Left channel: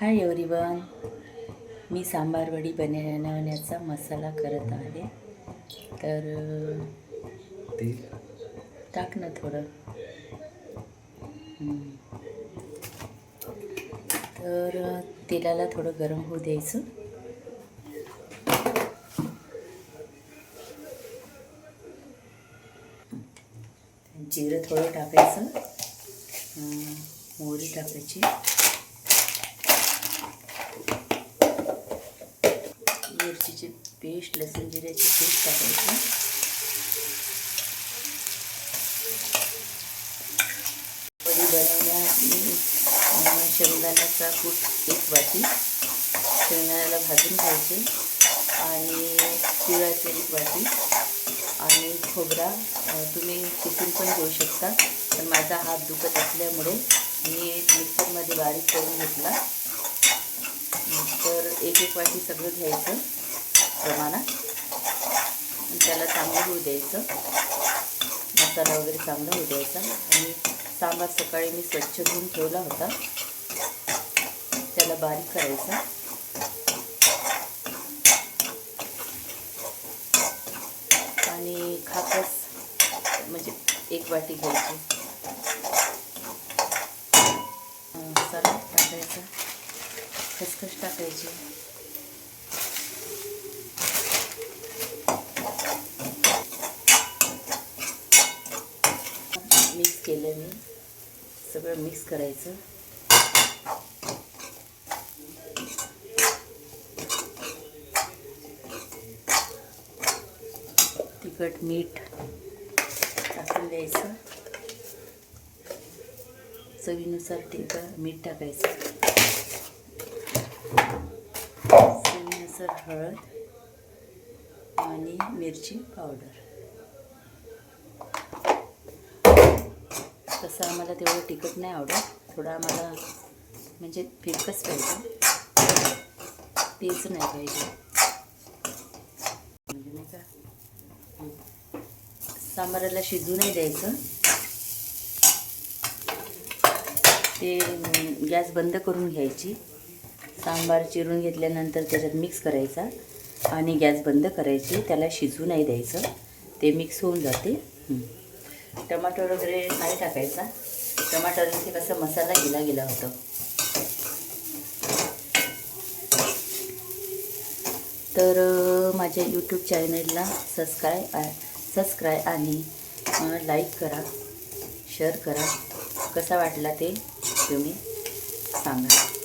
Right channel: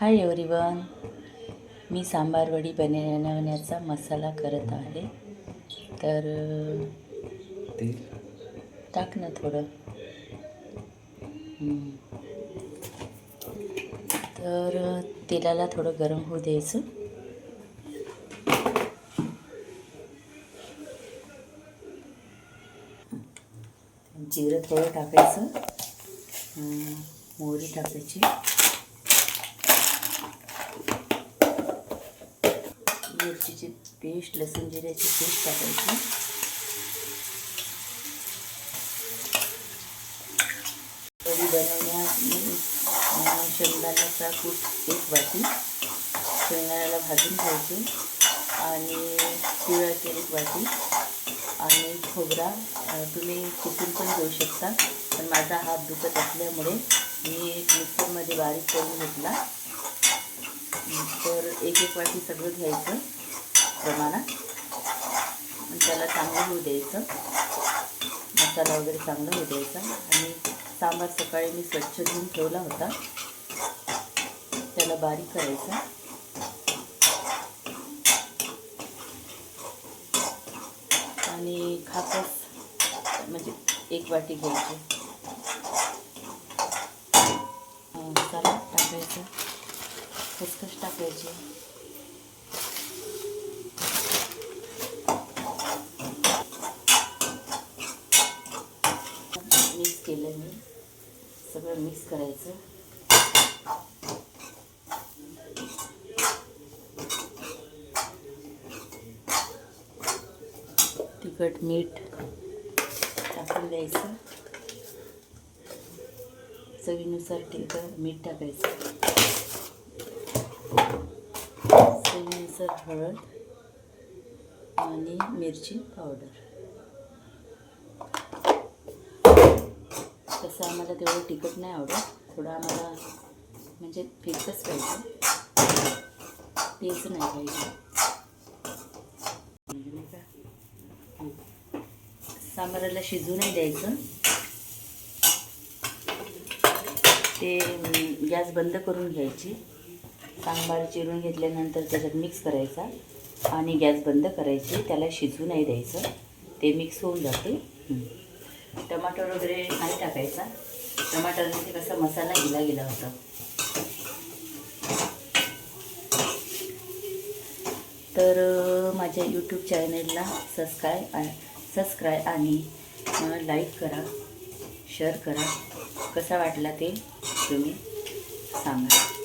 Hi everyone, मी सांबार वडी बनवण्याचा मसाला करत आहे. तर तेल टाक ना थोडं. तर तेलाला थोडं गरम होऊ द्यायचं. जिरं थोडं टाकायचं, मोहरी टाकायची, मिरचीची पेस्ट, लसूण जिऱ्याची पेस्ट टाकायची, वडी बनवण्यात मी शेंगदाण्याचा कूट 1 वाटी, शेंगदाण्याला भाजून घ्यायचे, आणि तिळाचे 1 वाटी, आणि खोबरा तुम्ही कुटून पण घेऊ शकता. पण माझा हात दुखत असल्यामुळे मी मिक्सरमध्ये बारीक करून घेतला. तर 1 वाटी सगळं घ्यायचं प्रमाणात, आणि त्याला चांगलं होऊ द्यायचं. मसाला वगैरे चांगला होऊ द्यायचा. आणि सांबार सकाळी मी स्वच्छ धुवून ठेवला होता, त्याला बारीक करायचा. आणि खाकस म्हणजे 1 वाटी घ्यायची. मसाला टाकायचा, खसखस टाकायची, मिक्स केलं. मी सगळं मिक्स करायचं. तिखट मीठ टाकून द्यायचं. चवीनुसार मीठ टाकायचं. चवीनुसार हळद आणि मिरची पावडर. तसं आम्हाला तेवढं तिखट नाही आवडत, थोडं आम्हाला म्हणजे फिकच पाहिजे, तेच नाही पाहिजे. म्हणजे नाही का, सांबाराला शिजू नाही द्यायचं. ते गॅस बंद करून घ्यायची. सांबार चिरून घेतल्यानंतर त्याच्यात मिक्स करायचा आणि गॅस बंद करायची. त्याला शिजू नाही द्यायचं, ते मिक्स होऊन जाते. टमाटर वगैरे नाही टाकायचा. टमाटरने ते कसा मसाला गेला होता. तर माझ्या यूट्यूब चॅनलला सबस्क्राईब आणि लाईक करा, शेअर करा. कसा वाटला ते तुम्ही सांगा.